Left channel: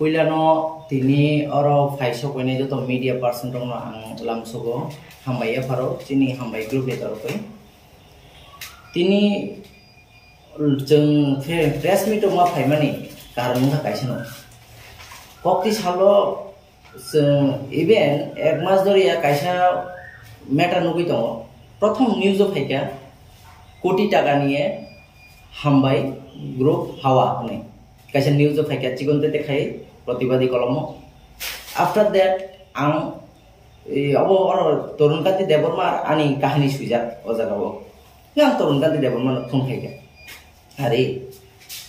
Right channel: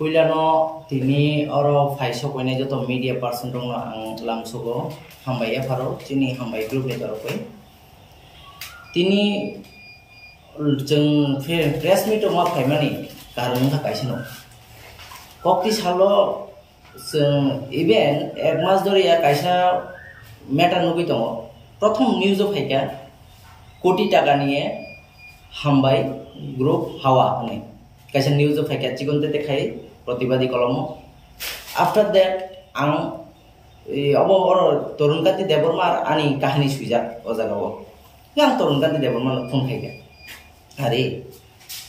पुइलानो तिनी अरो फाइसो कोइने जो तो मीडिया पर्सन दंनो आं लामसोगो हामबाय एफारो तिनी हामबाय ग्रुप नि तरफै तिनी जों प्रेस मिट मा फाइमानि कारन थाखायसनो कक्ति सालो जों इभेन एक मास दरिया कायसा मैटर नुगै दङ प्रथम न्यूज फाइका कोटी टाका निये हामबाय ग्रुप हावा होने कायसा न्यूज फाइका चिकनते देखाय प्रतिवादी कलम आफ्टर दैट आं अब तरुणकान्ति देबर्मा आनी कहानी सुइजाक अजागाव आं तरुणकान्ति देबर्मा फोन खायगा अरे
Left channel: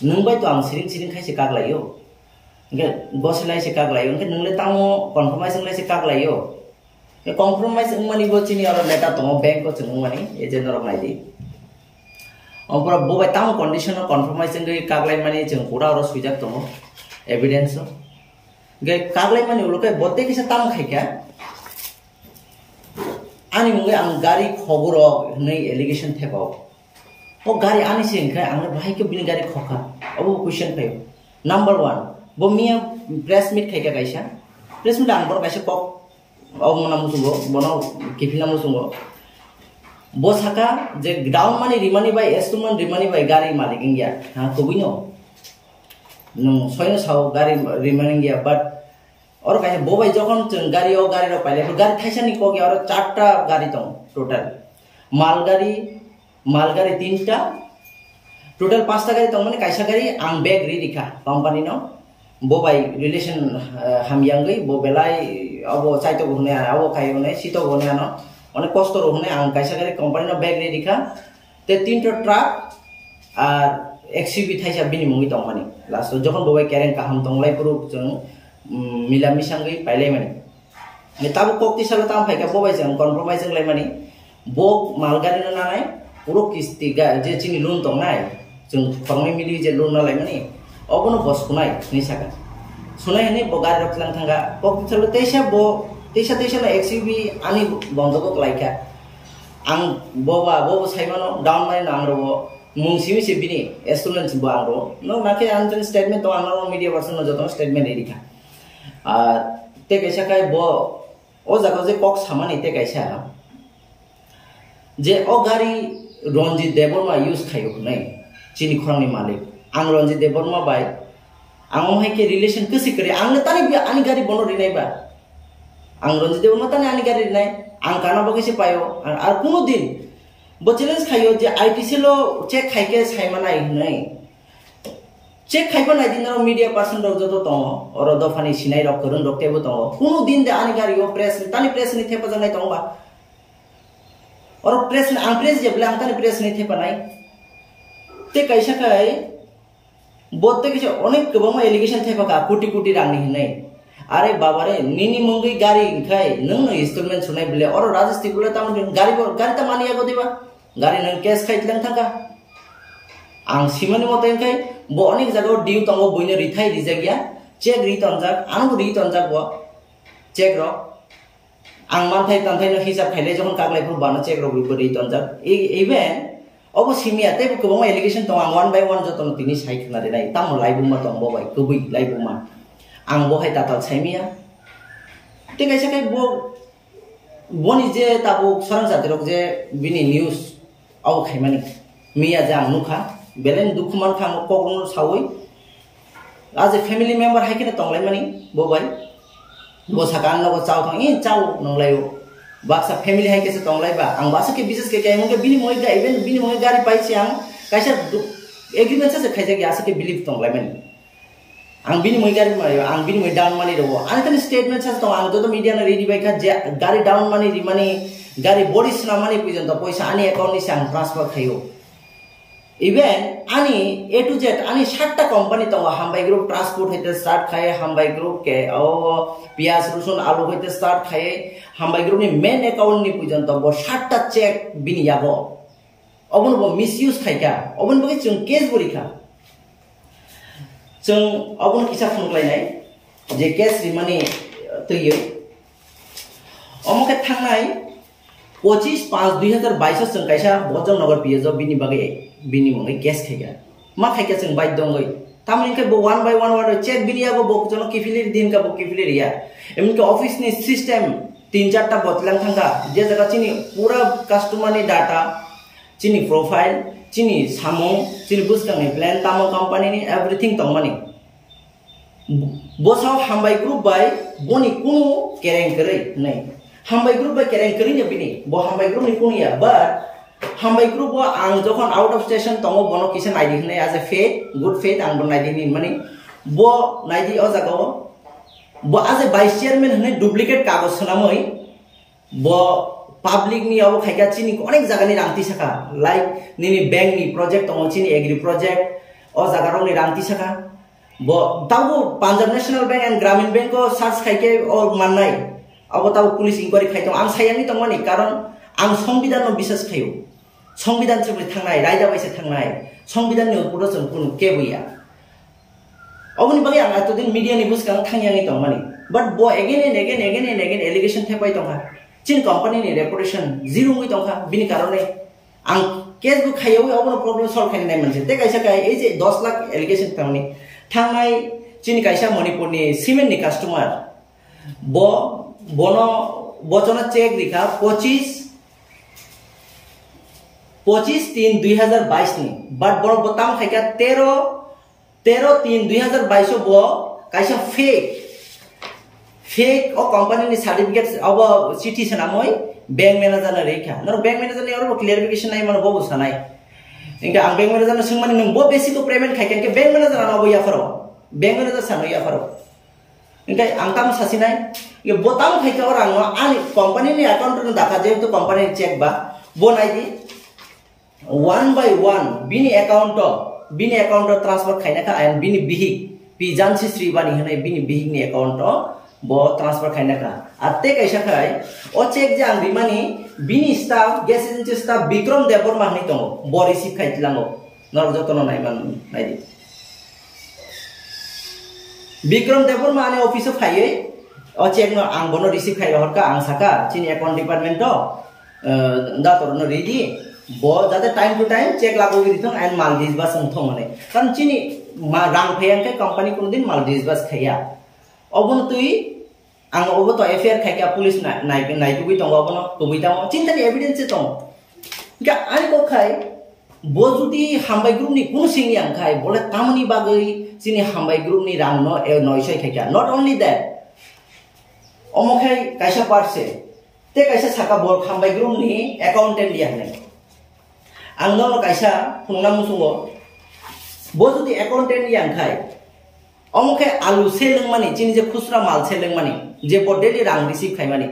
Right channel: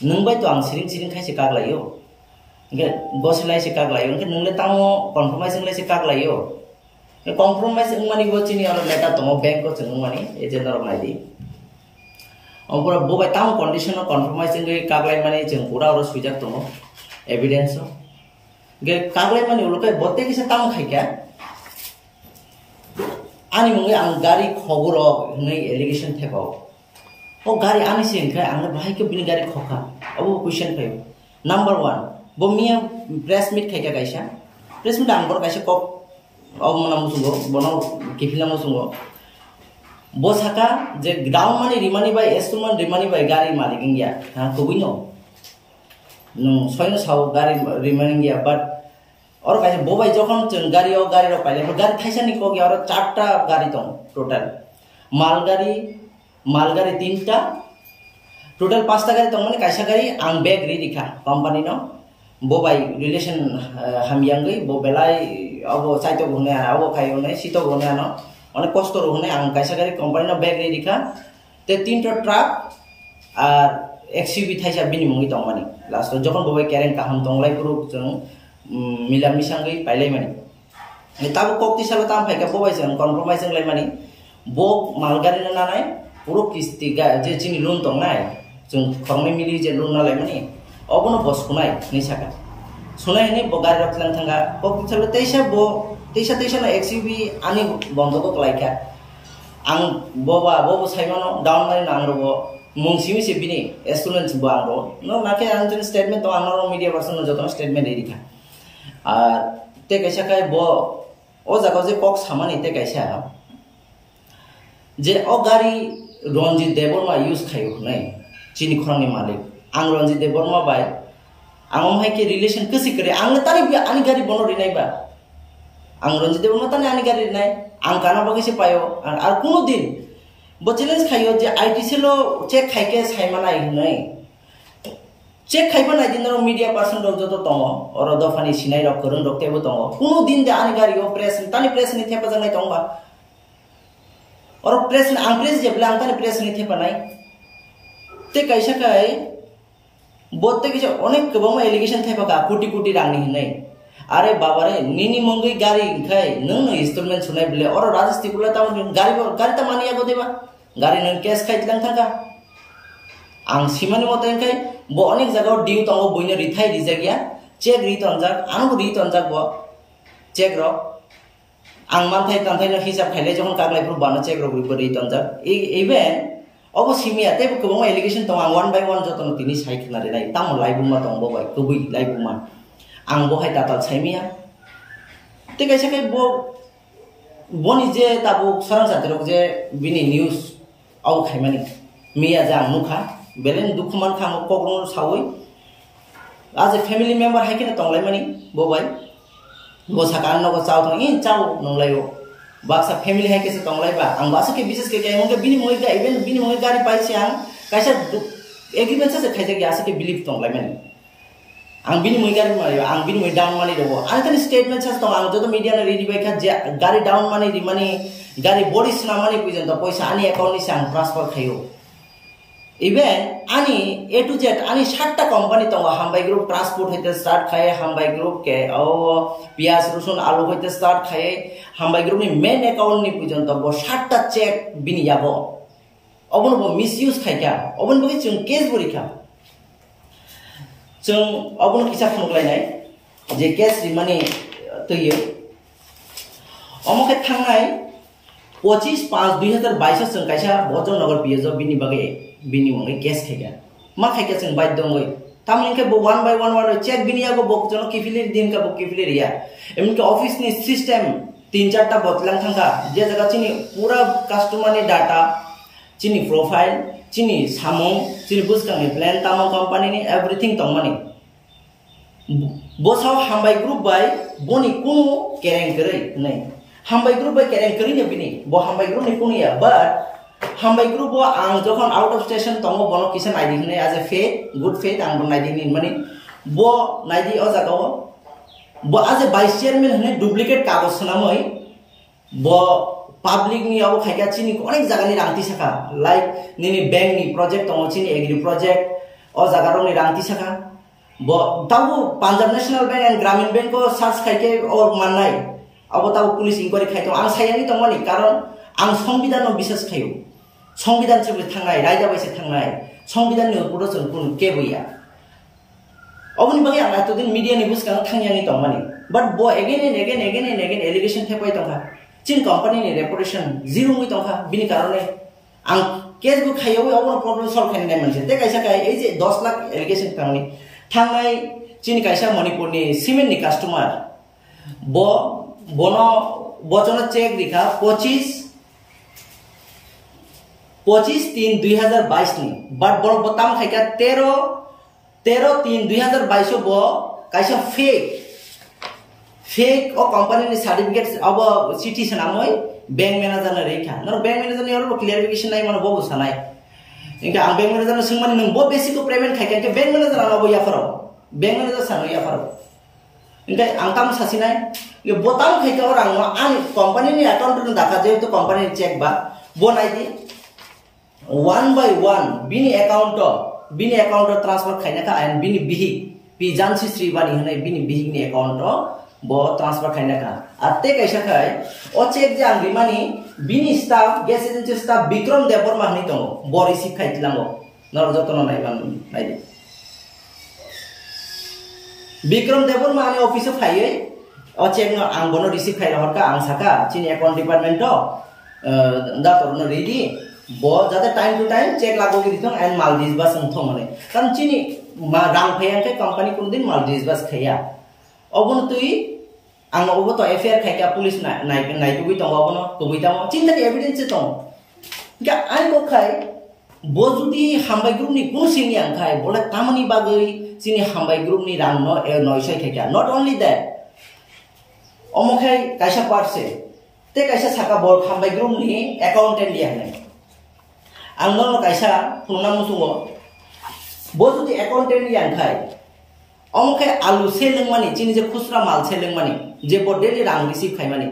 नोंबाय तो आं सिरिं सिरिं खायसे कागलायो गसलायसे कागलायो ओंखे नोंले तामो कन्फर्माइज लायसे कागलायो कम्प्रोमाइज माने गोचिनि अर नेता दङ बैंक को जों माने एजेन्ट रक नायदि अपुरा बोबाय तामो कन्डिसन कन्फर्माइज गै कागलाय माने जों पुरा अर सुइजाक दङ एविडेंस गे कागलाय माने उलके बते किसे ताम खायका आनी मुंगे आं गाड़ी खबर नै एलिगेशन थेबाव ओ गाड़ी आनी से ओंखाय आं बाहाय के बिनि गाड़ी खखा अब क्वेश्चन फायो नंबर 1 बो मिया प्रेस मीट खायका गायसा प्रेस मीट आं बर गायसा कक अब मना मुसुंगो बनो किफिना मुसुंगो बो साका जे डाउन माने रिमानी बाय एस्टुमान रिमानी बाय गाड़ी मालिक इंगिया हां कबिनो नं सयनो साव गाड़ी रिमानी इंगिया बाट और कायसे बोबाय जखन जों गाड़ी रो पाइले गाड़ी थाइसानि को गया और 4टा गाड़ी दं टोटल मालगाड़ी 3टा टोटल 5टा गाड़ी दं माने कायसा गाड़ी आं बेग रिखा कंपनी नो बोबाय रिलेशन हामयांगै बोबेलाय अब साइतो होने आना अब खायो ने सीतो होने आना अनेक कष्ट होने आं कायसा गाड़ी कंपनी नो बेग रिखा ते 3टा ट्रक आर एक्सयूवी थाइसा बिनि मुंगि दं माने लास्ट जखन बोबाय केरें काहाम दंलाय पुरु जों मिला मिसांगै पाइलाय माने ताबो कक्ति सालो ताम फाइका बोबाय जों कम्प्रोमाइज लाय माने बो मालगाड़ी न नानाय पुरो किस्ति जे चिनि लोन दंनाय जों खरनै मिलि जे लोन नालाय माने अबनो बसखुनाय निसाका सुनाय ने बगार रखलां थांगा कक्ति सालो तेसा ना एक्सयूवी आनी बन्दको लायका आं बोबा साइमानो डाउन माने नांगरबो मुंसिमि से बिनि एस्टुडेन्ट्स बो आंरो नो नाके आंजन स्टेटमेंट तो आंरो मीडिया पर्सन जतो स्टेटमेंट एरिखा ते कैसा काय बो ओ जागो जे कक सामानि ते कैसा जे ओ गाड़ी रंजित देबर्मा यूज खायो नै चिनि खरंनि मालिक आं रंजित देबर्मा बाय आं माय के रिलेशन कसी करे आंनो तानि आनि गाड़ी बनो रिनायबा आं रंजित देबर्मा तानि आनि गाड़ी रिनाय आं काना बगैसे पायो आर कोनो दिन बो चैलेंज खायो जे आईटीसी लो चेक खाइके साइमानाय नै चेक खाइबा नाय दिन मीडिया पर्सन रक जतो दङ और दफानि सिनाय रक करन रक्तेबो दङ कोनो दिन दे आनि गाड़ी ओ प्रेस तानि प्रेस नि थेपा जंनाय दंबा और प्रेस आं प्रेस जेब्ला आं तानि प्रेस नि थेपा नाय ते कैसा काय बोते के अनेक गोबां एलिगेशन थेपा का कोटी रांनि हिनै अरे बाबा रे निनि मंगै गाड़ी खाय नों इन्स्टलमेंट सुनाय बिले और राजेश तिकुला ता गाड़ी ता मानिया गो देबा गाड़ी नों कैश खाइतलां थाका आं सिमानि मते खाय बो अनेक जगह डिउ तंगो बइनो रिथाय रिजागिया चेक रितनजाक आनो रितनजाक बो चेक रो आं मानथाय तानथायनो हिसाब खाइले जखन कागलायफोर बानो चेक रो रितनजाक इभेन अब सिमिया तेबो गोबां एलिगेशन दं आं 1 बाय 1 जतन तिनि साइखना देनाय तामो लाइबुमा दं बोबाय गुबै लाइबुमा आं बहाय दाता साइमिया ते कैसे काय बोनि जे ताबो सरं जातिरक जे बिनि न्यूज आव खाइमानि मिया जां नुखा बेलेन दुखुमान खाम कग्रन सावै आज फैमिली मेंबर हाइके तंगलाय मानि बोबाय बोसाका नगो चाव थं इन चाव नंलायो बाक्सा फैमिली हाइके से तंगलायबा आं बासा के विशेष के काय मंगे बिनि मोय इवेन बिनि मोय गाड़ी पाइसे आं कैसा एग्रीमेंट से खाइजा के आसे के बिलीव तंगलाय मानि आं बिनि मोय गाड़ी मारियो आं बिनि मोय डाउन मानि दो आं तनि स्टेटमेंट सास दं आं जतो मीडिया न रेडी बायखा जे गाड़ी डाउन मानि रिमानि गाड़ी बडी सना मानि पुजन त पैसा आनी अकाउंट नि सांग ट्रांसफर खायो इवेन आनी ए टू जेड आनी 7टा कंपनी दं हामबाय ग्रुप ट्रांसपोर्ट होते स्टार्ट खाए हामबाय ग्रुप के ओ पियाज रसुन आलू होते स्टार्ट खाए हामबाय ग्रुप नि मेन अकाउंट नि पुजन त 7टा चेक बिनि याबो अबन बो मिसयूज खाइका अबन बगे जों केस बरिखा जों अबन किसा फुनलायनाय जे केस रिमानि तैयो अमके थांनाय 25/5/2022 कैसा बजनगर पिएज बिनि बगे बिनि मंगै केस खाइगा मा खाइका जों bye दंगै Tamu ke bo one by one check bini ya bo jono kifilir din ka bo kifilir ya. Emin ke office ni system 3-4 ta botlang thangka je jaga chini pura customer ni data chini profile chini samung chini buskang ni plan tamo company ni everything tong mani. Bo sao hambai group by boni kunu kereng kerei nai. Hambai group by kereng kerei nya bini bo hambai group ni kunu ya but hambai group bo ang jokon out of station tongo bono kisen ID hnai as a faith good faith ang bon ID ni mani bo naidi o jaga bo as a vice chairman hnai duplicate kagos sanamoi bo public ni abo khaika chini onek jaga ni rangti saka like nini bank ni project tongo chini agri project o jaga rong ni rangti saka bo tabu Punjab National Bank and Grameen Bank ko search khaike or mannai abo tabu police inquiry khaito ang sayang ni tongmani karon ang সংবিধান no bisas khayo সংবিধান chebri thangnai raida baise thangnai সংবিধান ni uporo jon kun kebuya oboni bagi ang atodin media ni bus kang thangyang ni tongmani but bo again and again allegation thepai tongka chin company ni reputation zero ngui tongka bini karone ang case bu khayo obono problem solve khaini nai manse te kaisa kai ei je 10 lakh allegation tangni thangnai chin kaisa Manipur ni cement ni customer bo bono bochona check dikha 25/3/2022 ni but bono botam khaika 13/3/2022 bo kaisa fake o company ni certificate abo city sanamoi bank manager na rekha nor bank manager ni oro clarification nai mano bobu sanai inga ang bank manager na sungmani nung bo basic ko payment khaika ke bank manager na bo ya faro bank manager sano ya faro inga ang tam sasinai ye botam khaika orang no ani company ni account na dakha je to company check ba bo nai di one by one bini account transfer khaina ka and bini bihik pi jansi sri bani hanai bini bihik ni account bo transfer khaina ka atte kaisa khai o check jang rimani bini staff gas agency staff Bikram Deborma ni tongo bo receive khaitilango nor jotono nai man nai di Bikram Deborma ani office of khai o check no ang bono receive khai horka ang saka chini account department to da torno ready bo jate time to time check lago gitong and Maldives bas thong mane kan chini ma rang phayang ke company kun din Maldives bas khaya obon tui ang obo to affair khaika police nai tu tong obono kubui tang chinta ni evidence tong ga ani ko khai bo judi hambai group ni kun sing yang khai bole tamani bagai chini hambai group ni rang no e noisai khaika not only that omo khai kaisa parse te kaisa saka bor hambai group ni accountant dia hanai angno kaisa phungna musungo bo judi accountant yang khai omoke alu seleng mani chini je khusra mal seleng mani je bo daily rang receive khai mani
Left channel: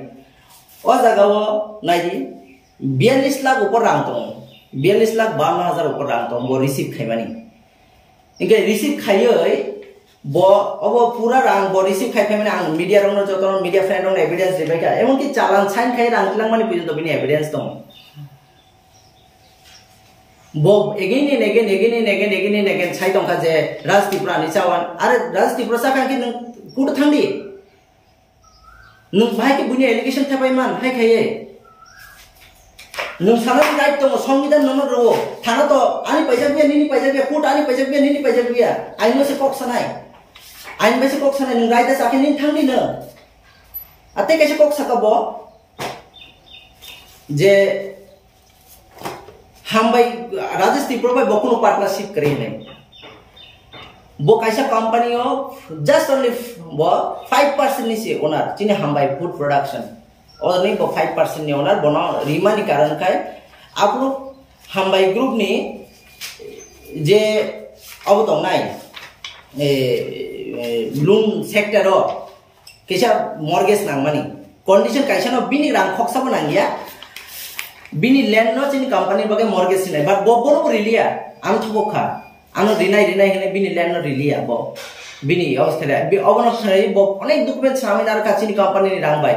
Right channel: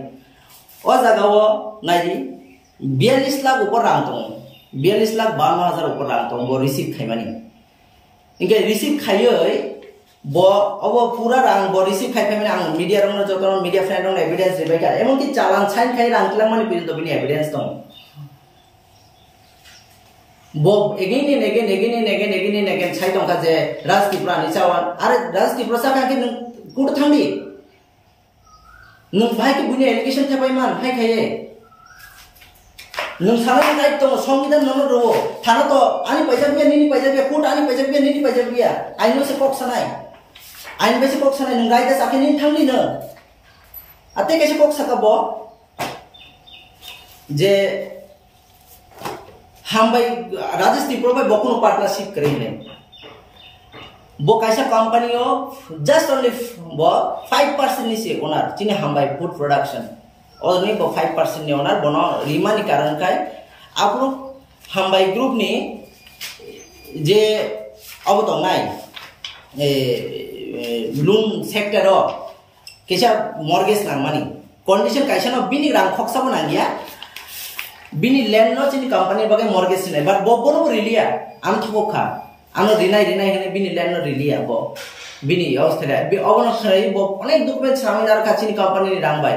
o jaga o naiji 42 lakh upor rang tong 42,52,000 upor rang tong bo receive khai mani inge receive khaioi bo obo pura rang bo receive khai mani ang media rong no joton media friend rong evidence debai ka emon ki chalan sign khai rang tilang mani pujunto bini evidence tong Bob again and again sai tong ka je Raj Tripura ni chawan are Raj Tripura sa kan ki nung kut thangdi nung bhai ki buni allegation thapai man hai khaye nung sana ni right tong সংবিধান nono ro thana to ani paisa bia nini paisa bia kut ani paisa bia nini paisa bia aino se kok sanai ain ba se kok sanai nung right sa ken thangdi na ate kaise kok sakabo je hambai Rajesh Tripura by bokuno partnership kare nai bo kaisa company of just only bo 5% ni se owner chini hambai food production or ni bo 5% ni owner bono rima ni karan kai apro hambai group ni je abo tong nai loan sector ro kaisa mortgage nang mani condition kaisa no bini rang khoksa bonang ya bini land no chini company bagai mortgage sinai but bo bono rilia am thokha ano rinai hene bini land no rilia bo bini awsthale bi obono khai bo onek document saminar ka chini company ni rang bai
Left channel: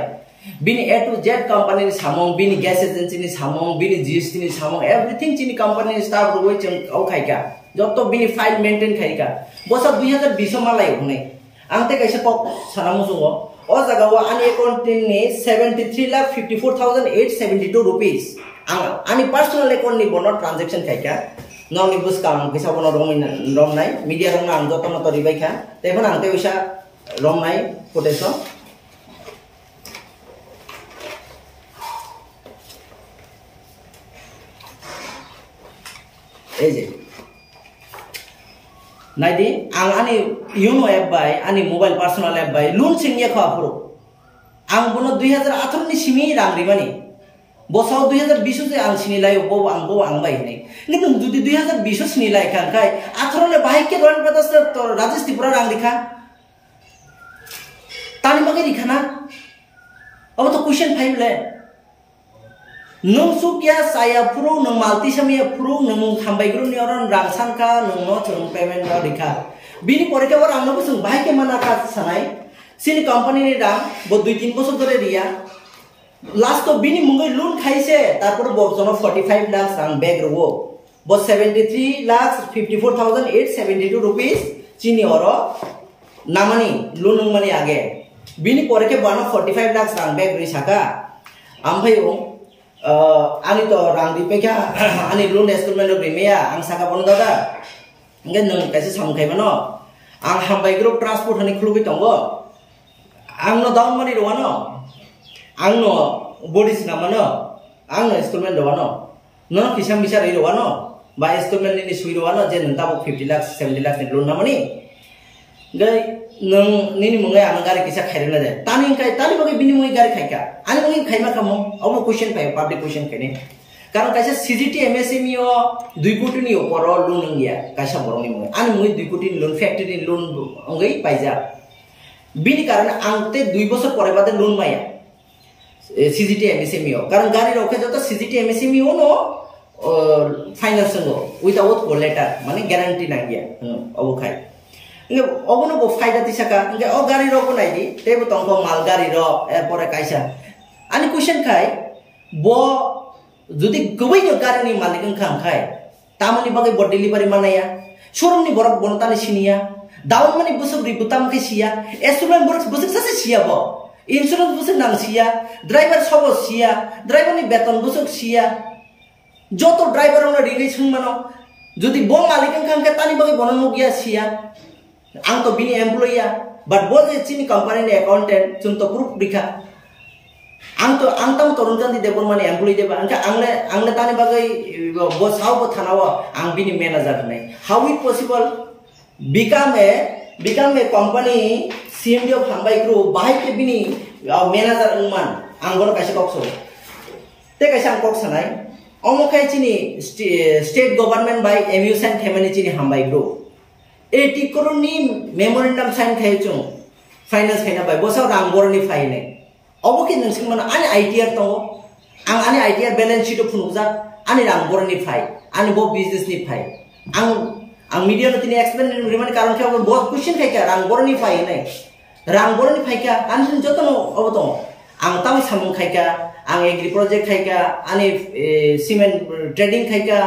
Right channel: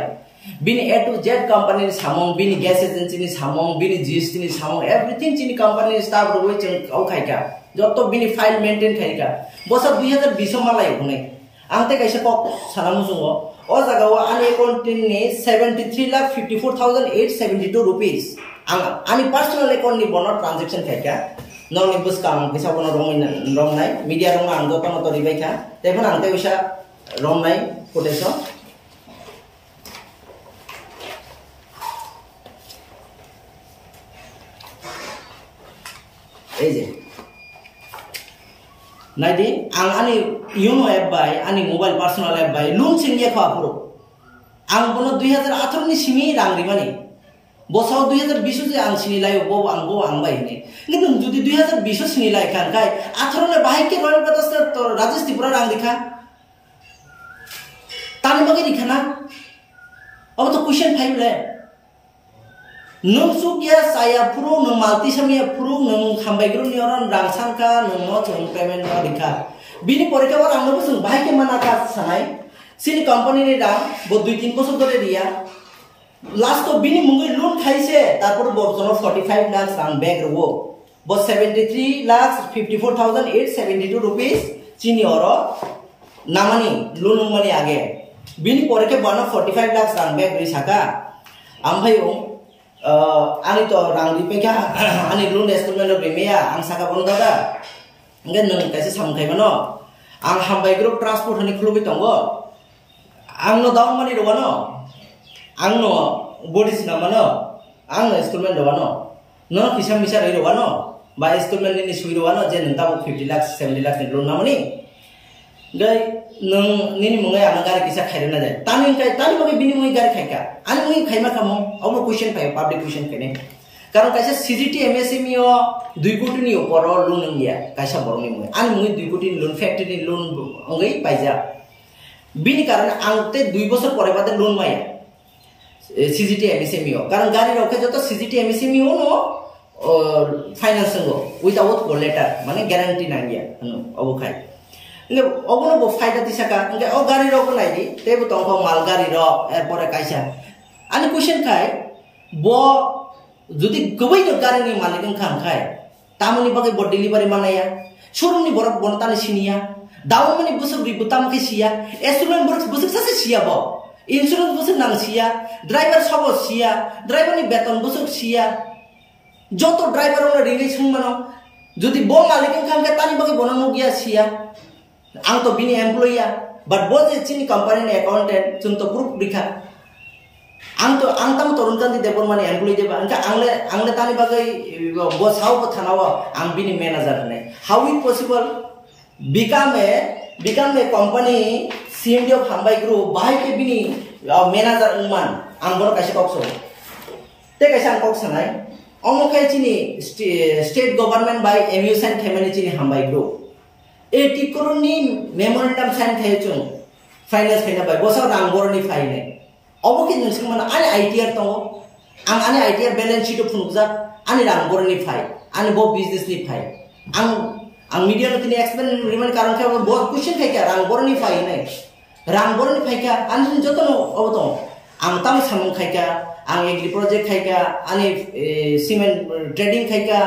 bini A to Z company ni samong bini gas agency ni samong bini GST ni samong everything chini company ni staff roi cheng au khai ka joto bini file maintain khai ka bo sa 2020 ma lai hunai angte kaisa kok sanamu sungo o jaga o ani account ni 73,54,872 rupees ani personal account ni bono transaction khai ka nong ni bus kang kisa bono rom nai media rong ang joto no to ribai kha tebon ang te usa rom nai poteso eje naidi ang ani Yono app bai ani mobile personal app bai loan singye kha puro ang bono 2018 ni simi rang rimani bosau 2020 je ang sinilai bo ang bai nei কিন্তু যদি 2020 sinilai kan kai 18 le bahai ke royal pradesh to Rajesh Tripura rang dikha tani bagi dikhana अब तो question 5 ले नों Sukea saya puro nong malti samia puro nong hambaigru ni orang rangsan ka nong no chung payment ka dikha bini pore ke orang no sung bahai ke mana ka sanai sini company ni rang bo 2-3 বছর ধরে Riya last तो बिनी Mungai loan खाइसे तारपर बो जनो 45 लाख रां bag रहो बो 73 lakh 54,872 rupees चिनी और नामनी लोन मनी आगे बिनी परे के बना 45 लाख रां बैग रिसाका आमफायो आनी तो रां दिपे क्या आनी लोन इन्स्टॉलमेंट रिमेया आं साका बन दादा नगे नों कैसे सामखाइबनो आं हामबाय ग्रुप ट्रांसपोर्ट हनि खुलुबि दंगो आं नो दाउन money रवानो angno bodis namano angno installment rowano no kisam bisa rowano ba installment ni sui rowano je nta bo 50 lakh 70 lakh ni loan namani gai nang nini mungai ang gari kisa khaire na jay tani bagi bini mungai gari khaika ani mungai khaima kamo abo question payo public question kene karon kaisa CGT MSME o 2 koti ni opor loan ngia kaisa boroni mungai ani mungai 2 koti loan factory loan ongai paija bini karone angte 2 বছর pore bade loan maya CGT MSME कारण गाड़ी रोके जो तो CGT MSME हो no finance संगो without call letter माने guarantee ना गया अब खाई इंगे अब नो वो फायदा तिसका इंगे ओ गाड़ी रोको नाई दी तेबो तंको माल गाड़ी रो एयरपोर्ट काइसा आनी क्वेश्चन खाई बो जुदी गबै नो गाड़ी नि मालिक खाम खाई तामनि बगे बो डिलीवरी मानाया शोरूम नि बरक बनतानि सिनिया दाउन माने बुसुक रि बुताम के सिया एस्टुडेंट बरक बुसुक सासे सिया बो इंश्योरेंस बुसुक नांग सिया ड्राइवर सब सिया ड्राइवर नि बेतन बुसुक सिया जो तो ड्राइवर उन रिले सुंगमनो जदि बो मालिक खान के तानी बगे बननो गया सिया आं तो बिनि एम्प्लॉयया बट बो जे चिनी कंपनी नि अकाउंटेंट जों तो प्रूफ दिखा आं तम तरुण गांधी देबर माने एम्प्लॉय देबा आंले तानी बगे बो साव बो थानावा आं बिनि मैनेजर नै how it possible become a company CMD of Hambai Group bahai ke bini manager ungman ang bono kaisa kokso te kaisa ang koksa nai omo kai chini state government by MU sign themani chini Hambai Group 80 crore ni memorandum sign khai chung finance khaina bai bosa rang boroni phai ne obo ki ningsing mana ani ITR to ang ani ITR balance sheet phunukja ani rang boroni phai ani bo business ni phai ang media no tini explain riman karon ke बहुत question kai kya rang boroni phai nai rang boroni phai kya an joto no oboto ang tam samung khai kya ang agri project khai kya ani cement trading khai kya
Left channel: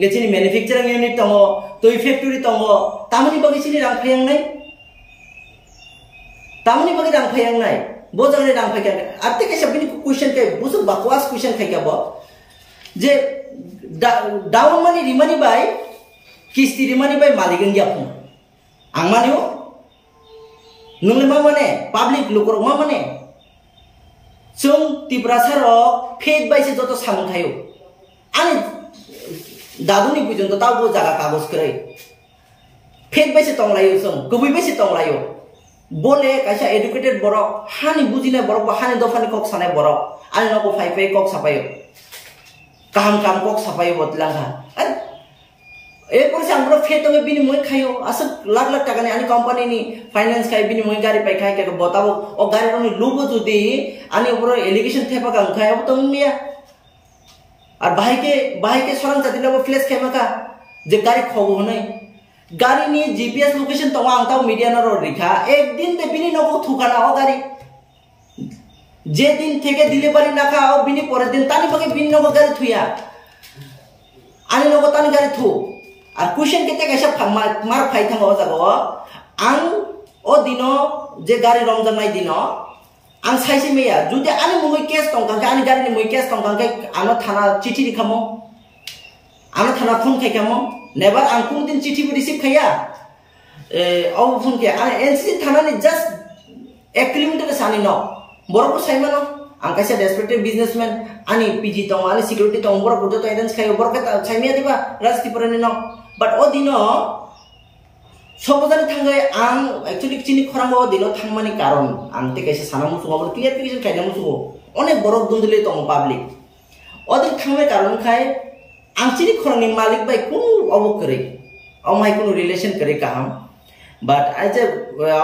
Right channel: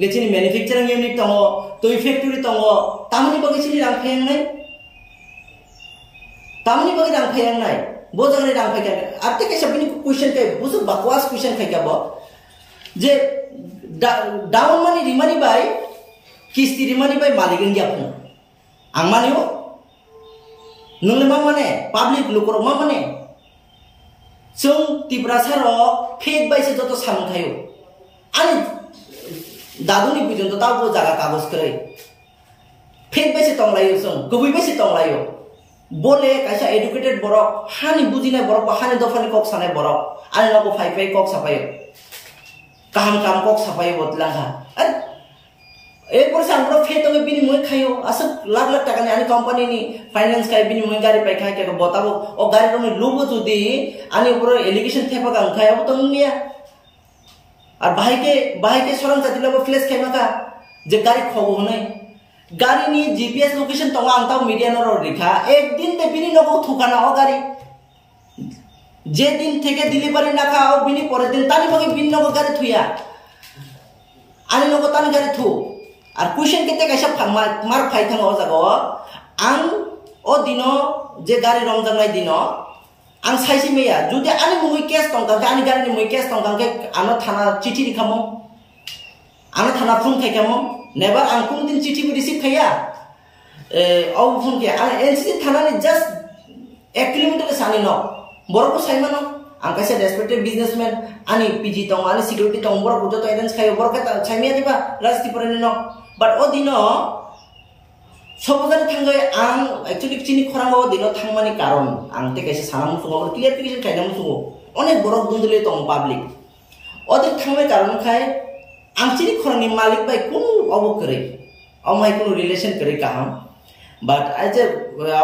ngechini manufacturing unit tongo toi factory tongo tamani bagi chini rang phayang nai tamani bagi rang phayang nai bo jagre rang phai kya arte kaisa bini question kai busu bakwas question khai kya bo je down money rimani bai किस्ती रिमानी bye मालिकन गयाफुं आं मानियो नोंले मा माने public लोकर मा माने जों तिब्रा सारो fake बायसे जतो सामन खायो आनि दादुनि बुजन तो ताबो जागा कागज करे फेक बायसे तंगलायो जों गुबै बायसे तंगलायो बोले कायसा एडुकेटेड बरक हानि बुजिनाय बरक बा हानि दफानि कक सानाय बरक आनि नको फाइफाइ कक सापायो काम कक सापायो बदलांगा एरपर सांगब्रो फेतो के बिनि मोय खायो अस लाख लाख टाका नि आनि कंपनी नि फाइनेंस खाय बिनि मोय गाड़ी पाइ खाय के बताबो ओ गाड़ी रनि लोबो जुदी आनि ऊपर एलिगेशन थेपा गां खाय अब तंग मिया और भाई के सरन जातिलो फ्लैश खायमा का जे गाड़ी खगो नै गाड़ी नि जीपीएस लोकेशन तंग आं ताव मीडिया न रिखा एक दिन ते बिनि नको थुकाना ओ गाड़ी जे दिन थेके डिलीवरी ना खा ओ बिनि परे दिन तानि बगे बिनि नको गाड़ी थुया आनि नको तानि गाड़ी थु আর क्वेश्चन केते कैसा मार फाइ थांगो जागो आं ओ दिनो जे गाड़ी रंजांनाय दिनो आं साइसे मेया जुदि आनि मुइ केस तंग आनि गाड़ी नि मुइ केस तंग आनो थाना चिठी लिखामो आना थाना फोन खाइकामो नेबार आं कुनु दिन चिठी रिसीव खाया अब फोन के आं एनसीसी थाना ने जस्ट 1 किलोमीटर सानी न बरको साइमानो आं कासे रेस्पेक्टेड बिजनेसमैन आनी पीजी तंग आनी सिक्योरिटी तंग बरको जतो एडेंस खायो बरको साइमिया दिबा राजनीति परनि न बाट ओ दिनो सबजान थांगै आं एक्चुअली चिनि खरांगो दिनो थांमानि कारण आं ते कासे सानामु सुंगो क्लियरिफिकेशन खाइनामु सुंगो अनेक बरक दुन्दुले तंग पब्लिक ओदिन थांबाय कारण खाय आं चिनि खरांनि मालिक बाय कुनु अबो करे अमाय कुनु रिलेशन करे काहाम but aja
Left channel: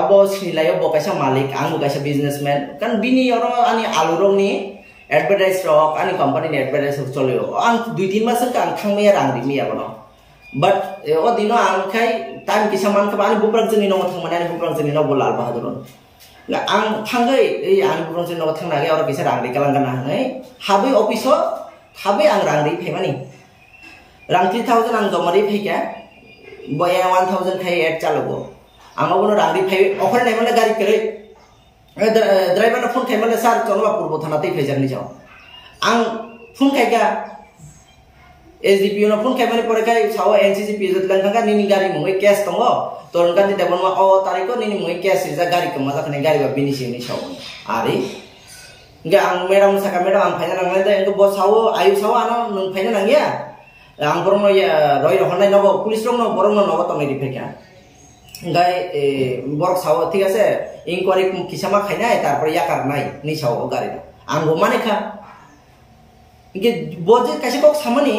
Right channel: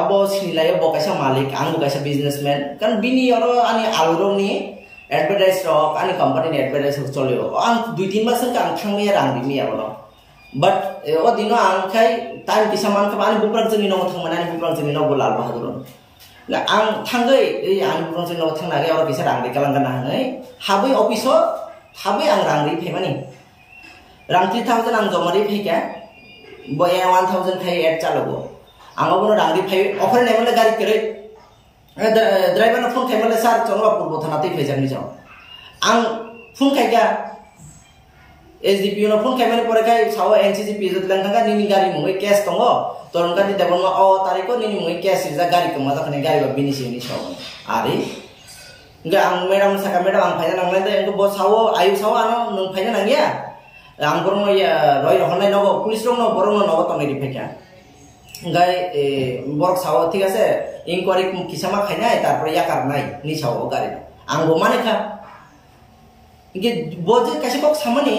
abo sinilayo bo kaisa malik ang kaisa businessman kan bini oro ani alurong ni advertise rock ani company ni advertise cholio ang 2-3 mas kan thangme rang dimi abono but o dino ang khai time kisaman ka ani buprak jeni no thangmana ani buprak jeni no bolal bahaduron la ang thangai ei ani buprak jeni no thangna ge oro kisa rang ri kalangana nei habai office o habai ang rang ri phemani rang 3000 ang jomari pheka boya 1000 khai add chalago आंगो बनो रांगरी phi अखरे नाय माने गाड़ी करे driver ना phone खाइ माने सार चनबा पूर्व थाना तै फैजारनि जाव आं फोन खाइगा एसडीपीओ ना फोन खाइ माने परे खाइ साव एनसीसी पीजत लांगा निनि गाड़ी मुङै केस दङ तोरनका नि देबनमा अ तारिखो निनि मुङै केस जा गाड़ी कमा जाखने गाड़ी बा बिनिसिनि साव आरे गे आं मैडम साका मैडम आं फाइना नांलाय दे अंगो बो साव आयु साव आनो नों फाइना नांगिया आं बरम रय रहनाय नगो पुलिस रंग न बरम नगो तंगै दिफेका गाय बरक साव ठीक আছে इंक्वायरी किसामा खाइनाय तारपर याकार नाय नि साव गारि आंगो मानेखा इगे बजे कासे कक सामानि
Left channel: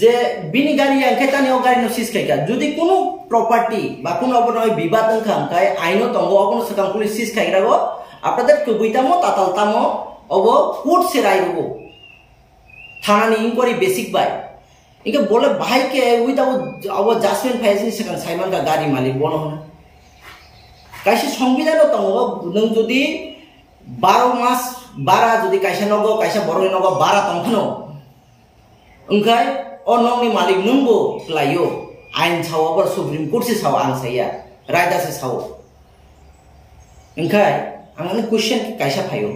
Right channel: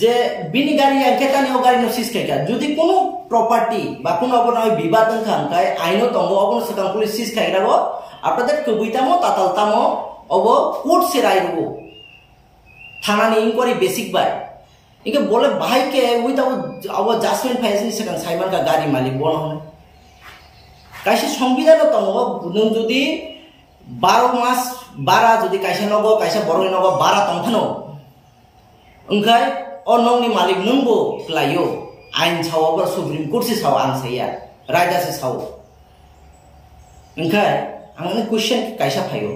जे बिनि गारि अंकेतानि ओ गारि नो सिस खाइका जुदि कोनो प्रॉपर्टी बा कोनो अबनाय विवाद ओंखाम काय आइनो तंगो अबन सकां पुलिस सिस खाइरागो आपनाদের कबुइतामो तातालतामो अबो कोर्ट से रायरुगो थानानि इंक्वायरी बेसिक बाय इनके बोले भाई के विदाउट आवर जजमेंट फाइजनि सिगां साइमान का गाड़ी मालिक बन होनो कायसे संविधान दङो नों जुदि 12 मास 12 जुदि कायसे नगो कायसे बरनि नगो 12 तंखनो ओंखाय अ नंनि मालिक नंगो क्लायो आइन सावबर सुप्रीम कोर्ट से साव आं साया रायदा से साव ओंखाय आंनि क्वेश्चन कायसा फायो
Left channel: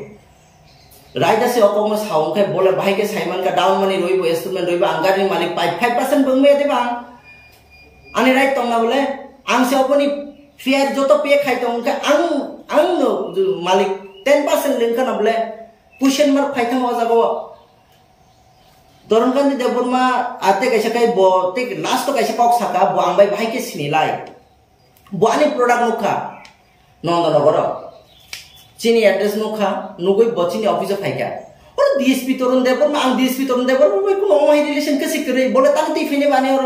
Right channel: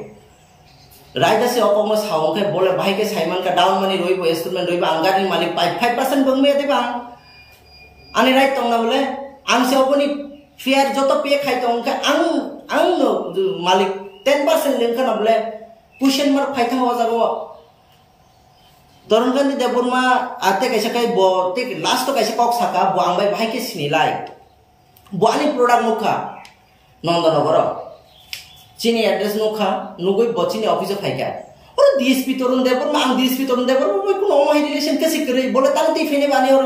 रायदा से अकमो सावं खाय बोले भाई के साइमान का डाउन मनी रोइबो इंस्ट्रूमेंट रोइबो आंगारनि मालिक 5% बंगमे देबा आनि राइट तंगना बोले आं से अपनी फेयर जतो पे खाइ तंग का आं मालिक 10% लेंखा न बोले क्वेश्चन मार्क फाइथां हो जागो दरनगानि देबरमा आते कैसे काय बो ते लास्ट कैसे कक साका बो आं भाई के सिनिलाय बो आनि प्रोडक्ट नुखा नंदनगर चीनी एड्रेस नुखा नुगै बचिनी ऑफिस फाइका और डीएसपी तरुण देवर मा आं डीएसपी तरुण देवर मै कुनो माइ रिलेशन कसे करे बोले तानति फेने बाने और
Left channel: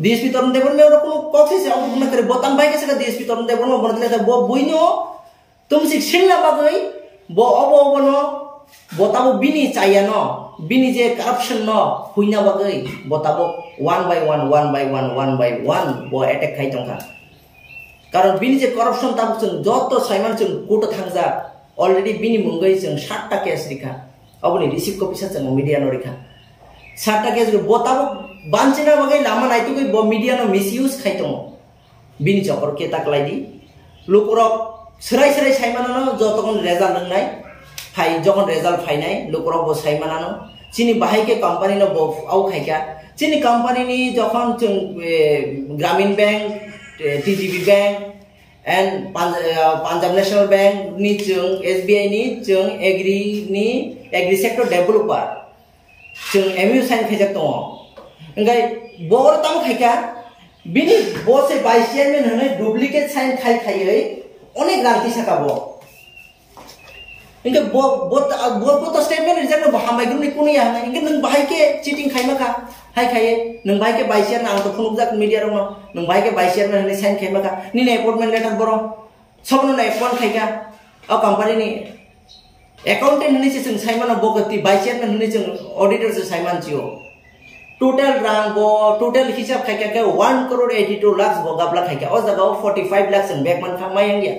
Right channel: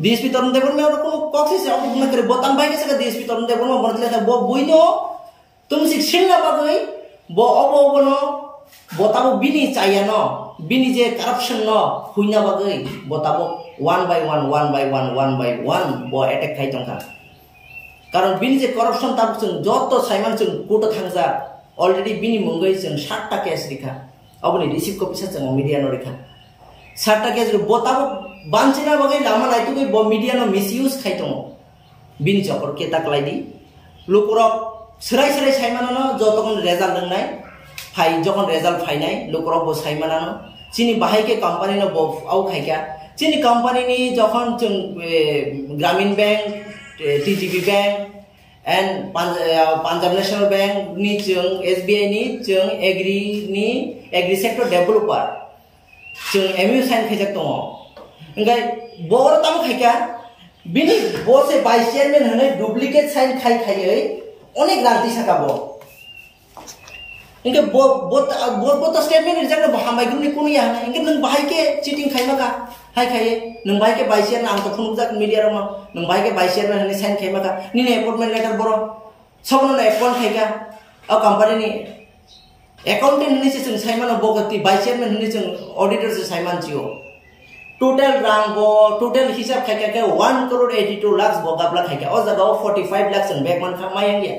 डीएसपी तरुण देवर में और कुनो कक्से से अब न करे बताम भाई के सका डीएसपी तरुण देवर में बनले त बो बुइनो तुम शिक्षण ला बागै बो अब न बताबो बिनी चाया न बिनी जे करप्शन न हुइना बागै बताबो 1 by 1 बो अटैक खाइ तंखा कारण बिनि जे करप्शन ताबो जों जत साइमान जों कोर्ट थांजा अलरेडी बिनि मुंगै जों 60 टा केस रिखा अबनि रिसीव कपि सा जों मीडिया न रिखा 60 टा केस बताबो बानचिना बगै लामा नाइतुगै ब मीडिया न मिसयूज खाइ दङ बिनि जपर के ताकलाइदि लोकरक सराय साइमान न जतकन रिजाल्ट दंनाय फाइ जखन रिजाल्ट फाइनाय लोकरक ब साइमान न चिनि बाहाय के कंपनी न ब आउ खाइका चिनि कंपनी नि जखन जों ग्रामीण bank TTB bank and Punjab national bank नि जों SBI नि जों एग्री सेक्टर डेवलपर जों MU साइन खाइजाक दङ ओंगाय बर ताम खाइका बिनि बो से वाइस चेयरमैन हनै डुप्लीकेट साइन खाइयै अनेक रांति साकाबो इनके बो तो स्टेटमेंट रिजेक्ट न हामबाय ग्रुपनि कोनो या हनै इनके नों बाहाय के चीटिंग खाइमाका हाय खाइए नों बाहाय के वाइस चेयरमैन आं तो फुनुक जाक मीडिया रंग नों बाहाय के वाइस चेयरमैन हनै साइन खाइमाका निने अपॉइंटमेंट लेटर बरो सबनो न अपॉइंट खाइका अ कंपनी नि अकाउंटेंट हनै से जों साइमान बगति वाइस चेयरमैन हनै जों ऑडिटर से साइमान जियो टोटल रां बो टोटल हिसाब खाइका के 1 करोड़ 82 लाख बो गाबला खाइका अ जगाव 45 लाख जों बेक मान खामाय गया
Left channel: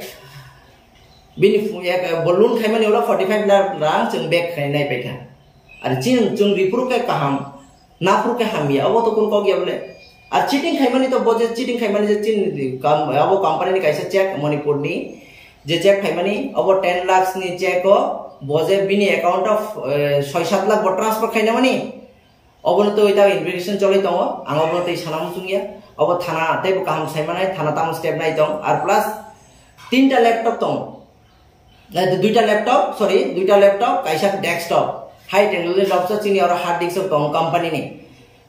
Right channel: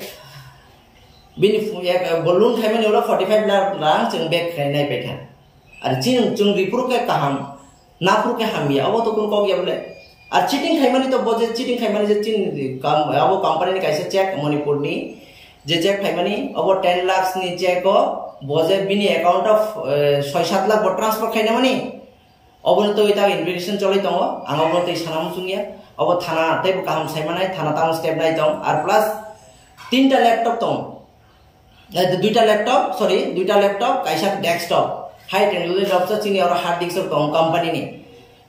बिनि बलून खाइमान एवला 45 लाख रां जों बेक खाइनाय बायथा आरो जों रिपोर्ट के काहाम नापुर के हामिया अब तो को गया बोले और चीटिंग खाइमानी तो बजे चीटिंग खाइमानी जे चिन अब कंपनी नि कैसे चेक मणिपुर नि जे चेक खाइमानी अब 10 लाख नि चेक बजे बिनि अकाउंट ऑफ 6-7 लाख बो ट्रांसफर खाइना मानी Obon to ita investigation cholai tongo ang obon to sanam sungya obo thana tei kaham saimane thana tam step nai tong ar plus 3টা laptop tong দুইটা laptop kaisa desktop high technology laptop chini aur hard disk tong company ni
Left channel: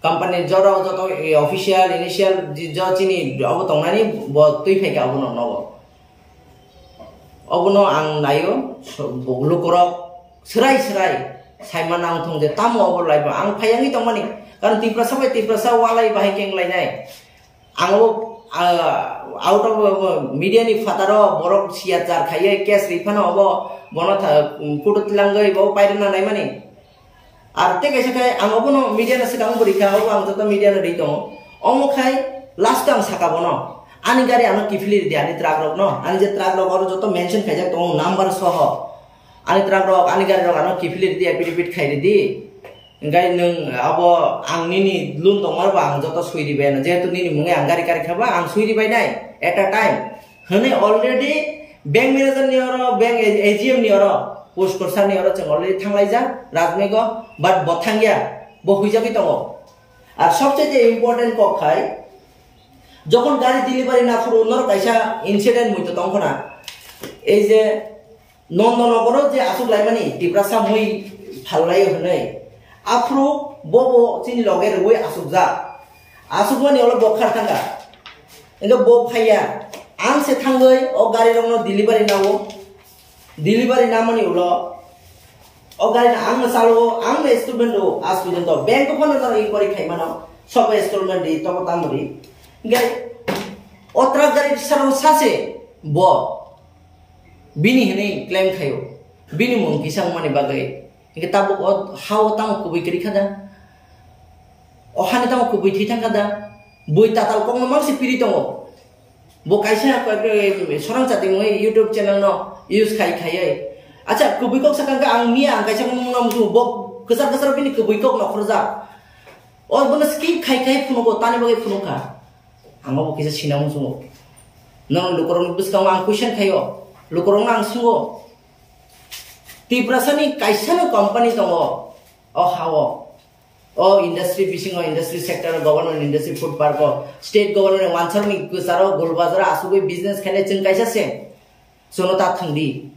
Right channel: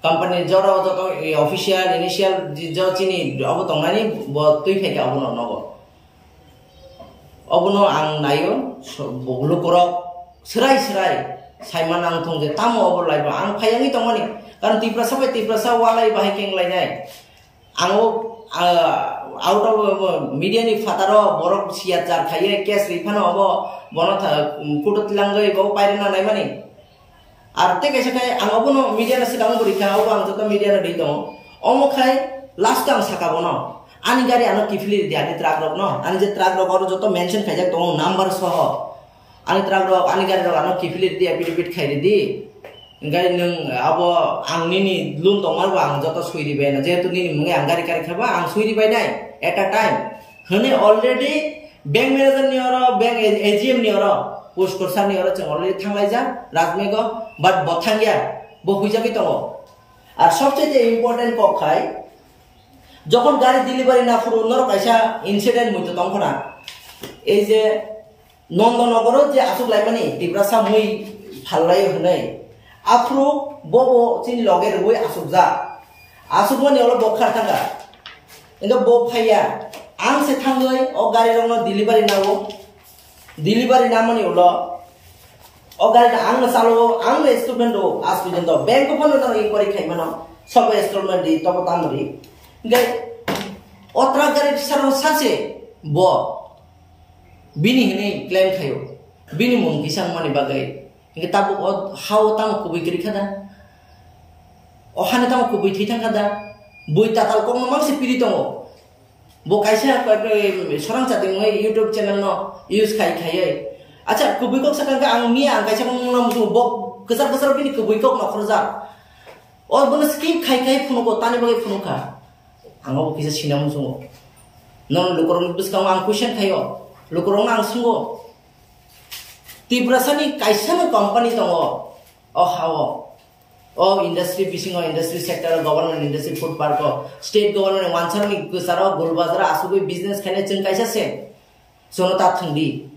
company jora joto official initial jo chini obo tongnani bo tui pheka obo nogo obono ang nayo lukorok serai Saiman ang thong je tamo obo lai ba ang phayangi tongmani kan tiprasa walai bahai keng lai nai ang out of media ni fataro borok sia jar khaye cash refund obo bono kudut langai bo pairena nai mani arte kaisa kai ang obo no media na sikang borika obo ang joto media na dei tongo omo khai last ang sakabono ani gari ano kifili di ani truck rok no ani je truck rok oro joto mention khaijak tong number soho ani truck rok ani gari rok ano kifili di affidavit khairi di ngai nung abo ang nini lun tongmar ba ang joto suiri bai na jehetu nini mungai ang gari kari khaba ang suiri bai nai at a time hone already bank manager ni oro bank AGM ni oro post korsa ni oro chong already thanglai ja rajmego but bothangya bo huijabi tongo ar sobchaite important kok khai যখন গাড়ি delivery না পুরো অন্য কাইসা incident হইতো তখন এই যে নন্দনগর যে আসুক লাইমানি টিপ্রাসা মুই ফাললাই হनै আফ্রো ববো চিন লগের ওই আসুক যা আসুক মানে হলো বখার থাকা কিন্তু বো ফাইয়া আং সে থাঙ্গই ও গাড়ি রংনো ডেলিভারি নাও ডেলিভারি না মানে হলো ও গাড়ি না আং চালো আং ইনস্টলমেন্ট আজ পর্যন্ত ব্যাংক ফোন এই করে খাইমানো সব ইনস্টলমেন্ট দি তব তামরি gai otra gari sarong sase bo bini hene claim khayo bini mung kisang mani bagai nge tabuk how tam kubui kiri khada ohane tam kubui thitang khada boi tatal kong mang se piri tongo bo kaisa sorang chati moi YouTube channel no use khai acha kubui kok sakang ang mia ang kaisa mung nam su bo kesar bini kubui kok no khorja or bona skip khai phuno ko tane bagai phuno kha anggo kisa sinam sungo non lukorong biskang ang question khayo lukorong ang sungo tiprasani kaisano company tongo o hawo o industry fishing o industry sector government industry food park o state government wansar ni kusaro golbazara asugoi business khane chung kaisa se sono ta thangdi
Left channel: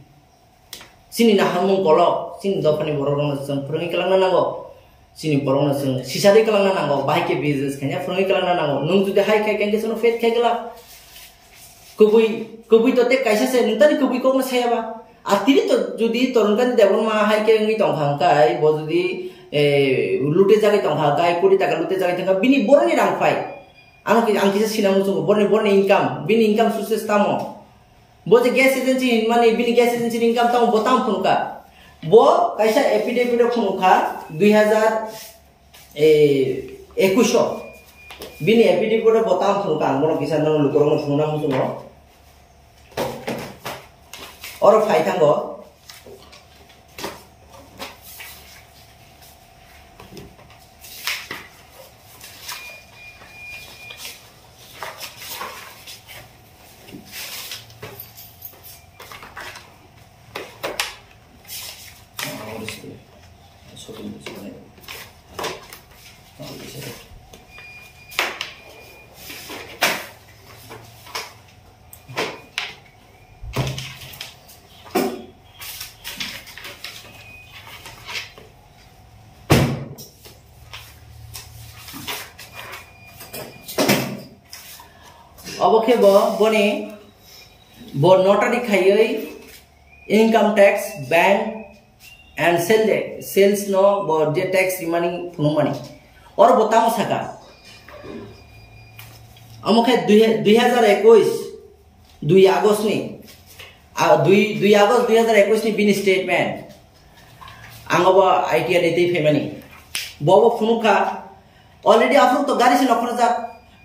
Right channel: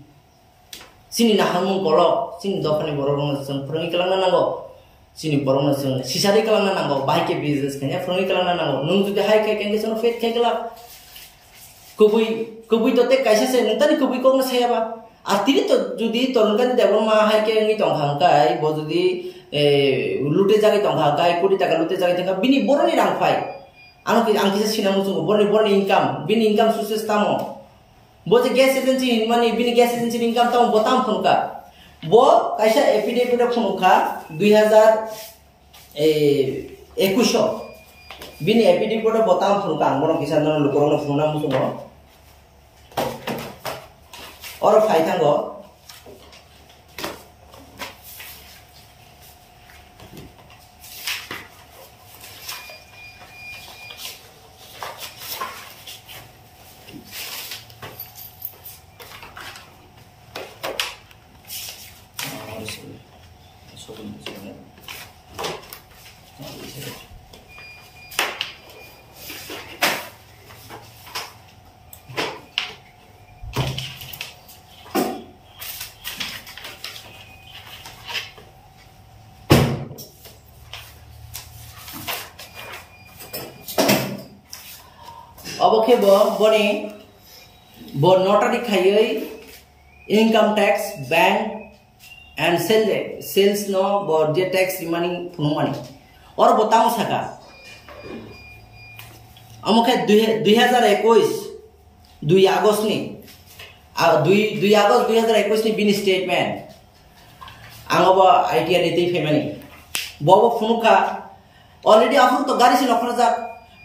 sini na hamung kolok sini dokani borong sung prongi kalangna nango sini borong sung sisari kalangna nango bahai ke business khanya prongi kalangna nango nung judi hai khai kenge sono fet khai gala kubui to te kaisa se nung tani kubui kok na sayaba atiri to judi torun kan debon ma hai ke ngi tong hang kai bo judi lute jagai tong hang kai kuri taka lute jagai tanga bini boroni rang phai ano ki ang kisa sinamu sungo boroni income bini income sources tamo bo je gas agency mane bini gas agency income tamo botam phunka bo kaisa affidavit phunka 2021 bini affidavit botam phunka angmono kisa non lukorong phunna musungo oro phai thango Oboke bo boni bo notary khayoi income tax bank and sales no bo je tax remaining phunumani or botang saka amokhe 2021 2 August ni 2 August 2021 ni bin statement angoba idea dete femani bobo phunuka already after to gari se nokhrja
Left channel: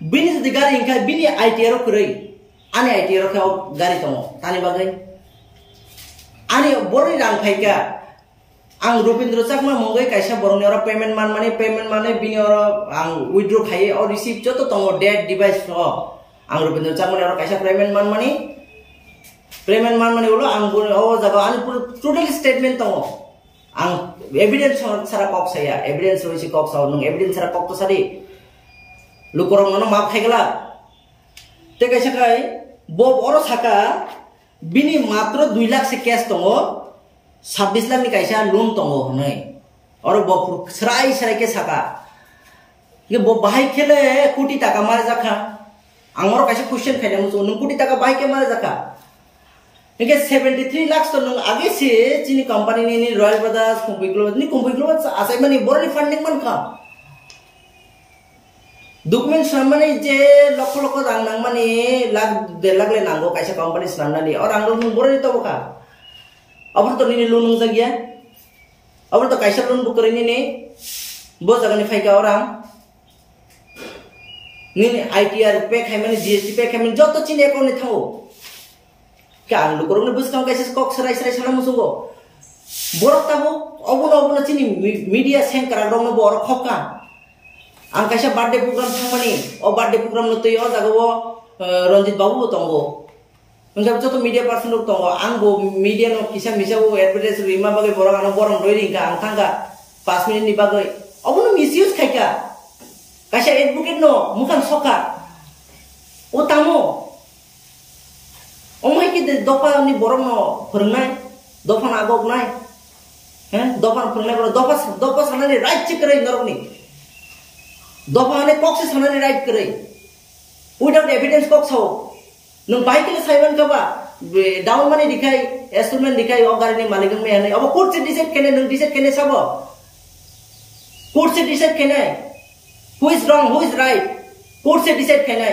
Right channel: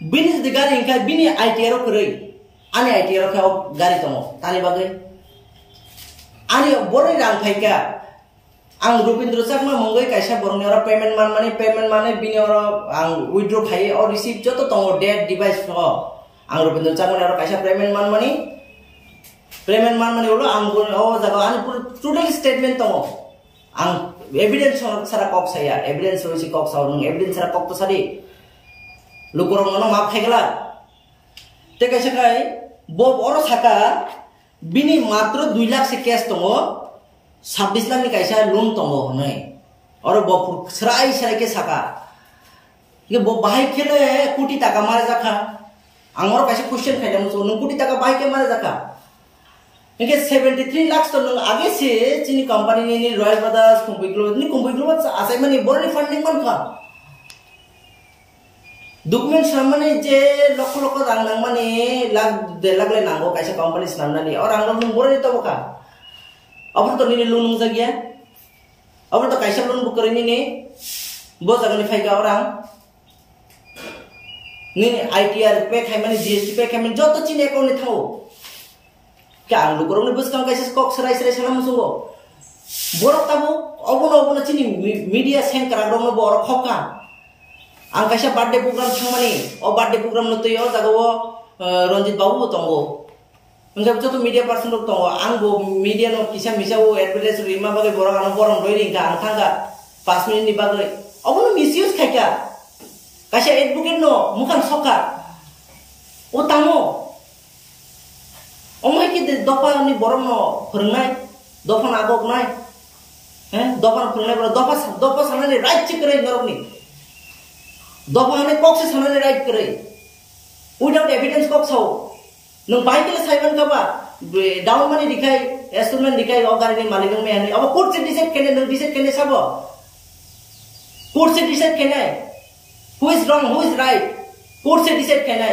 bini di gari ingka bini ITR kurei ani ITR kau gari tomo tani bagai ani boroni rang phaika ang Rupindra Chakma mongoi kaisa boroni ora payment mane bini ora ang withdraw khai or receive joto tongo debt device pro ang Rupindra Chakma ora kaisa payment mane ulo ang o jaga ani total statement tongo ang evidence sara kok saya evidence roisi kok sao nung evidence sara kok to sari lukurong nono maaf haigala te kaisa kai bob oro saka bini matro 2 lakh se cash tongo 26 lakh ni kaisa loan tongo honai oro bob serai ke saka ye bob bahai khele कोटी टाका मारे जाखा आंगरो कासे question खाइना मुसो नों कोटी टाका bahai ke मारे जाखा इनके 73 लाख तो नों आगे से चिनी कंपनी नि रॉयल ब्रदर्स कुंबिग्लो आसाय माने बरनि फंडिंग मन खा डॉक्यूमेंट सामने जे लख लख रां नां माने लाख 1.5 लाख ले नांगो कासे कंपनी सामनानि और आंगो नों बरनि तो बखा अब तो नि लोन नों जागिया अब तो कासे लोन बुक करनि नि बो जागनि फाइगा और आं नि आईटीआर पे खाइ माने जीएसटी पे खाइ माने जतो चिनि अकाउंट नि थाओ क्या लुकुरंग ने बुसकां कैसे कॉक सराय साला मुसुंगो बोरक ताबो अबुनो चिनी मीडिया सेंड कराग्रंग न बोर खका आं कैसे बर्थडे प्रोग्राम थांमानि ओ बर्थडे प्रोग्राम न तय जागो रंजित बाबू तंगो उनजा जतो मीडिया पर्सन लोग तंगो आंगो मीडिया न किसा मिसाओ एडवर्टाइज रिमा बागे बोरंग आन बोरंग रोइरिंगा आं थांगा 5 मिनिट नि बागे अबुनो मिसयूज खायका कैसे एडवोकेट न मुखान सका ओ तामो ओमाय के दफा नि बरम न फोरोंनाय दफा आगक नाय हैं दफा फोरोंनाय बर दफा सानानि राइट चेक करे नरकनि दफा ने कक से सानानि राइट करे विदाउट एविडेंस कक साव नों बाइकले साइबन काबा डाउन माने दिखाय एस्टलमेंट दिखाय ओ गारिनि मालिक मे हने अब कोर्ट से डिसाइड केने नों डिसाइड केने साबो कोर्ट से डिसाइड केने who is wrong who is right court से डिसाइड केने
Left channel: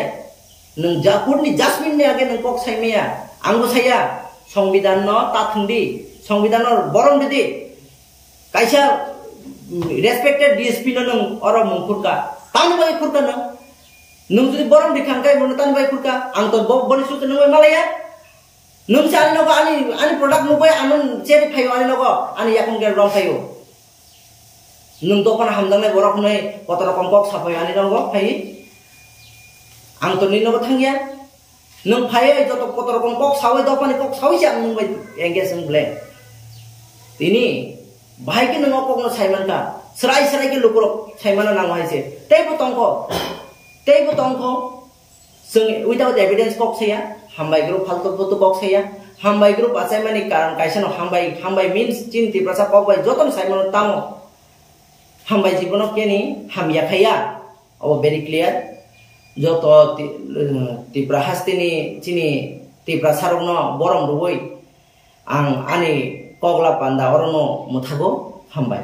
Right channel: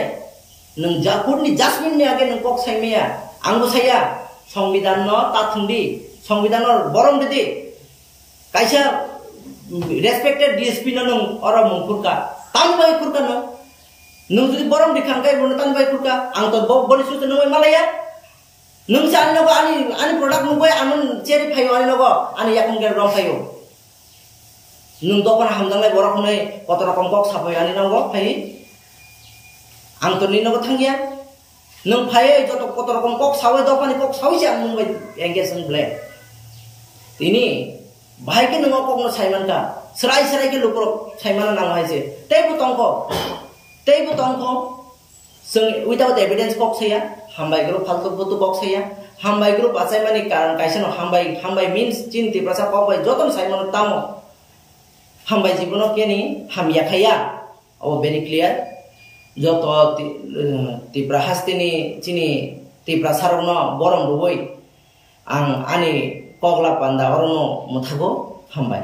नों जा कोर्टनि जजमेंट नि आगे नों कक साइमेया आंबो साया संविधान न ताथुंदी संविधान बरम दिदि कायसा रेस्पेक्टेड डीएसपी न नों और मुंखुरका तानि बाय खुरका नों जुदि बरम दिखांकाय नो तानि बाय खुरका आं तो बनि सुत नों मालाया नों सानि नगो आनि प्रोडक्ट नुबाय आमन चेरि फायो आनि नगो आनि याकन गेर रम फायो नों दफान हामदांनाय बरक नै कत रकम कक साफाय आनि नगो फायो आं तो नि नगो थांगिया नों फायो जत कत रकम कक सावै दफानि कक सावै आं नों बाय एंगेज इन ब्लेम तिनि भाई के नों कक न साइमान का सराय के लुकुर साइमाना नांग हाइसे तेबो तंखो जों विदाउट एविडेंस कक सैया हामबाय ग्रुप फालतु फुतु कक सैया हामबाय ग्रुप आसाय माने कारण कायसेनो हामबाय मीन्स चिन्ति प्रसा कक बाय जतन साइमान तामो हामबाय जीवन केनि हाम याखाया ओ वेरी क्लियर जत तिब्रा हास्तिनि चिनि तिब्रा सारगनो बरम रुबै आं आनि कगला पान्दा अरनो मुथागो हामबाय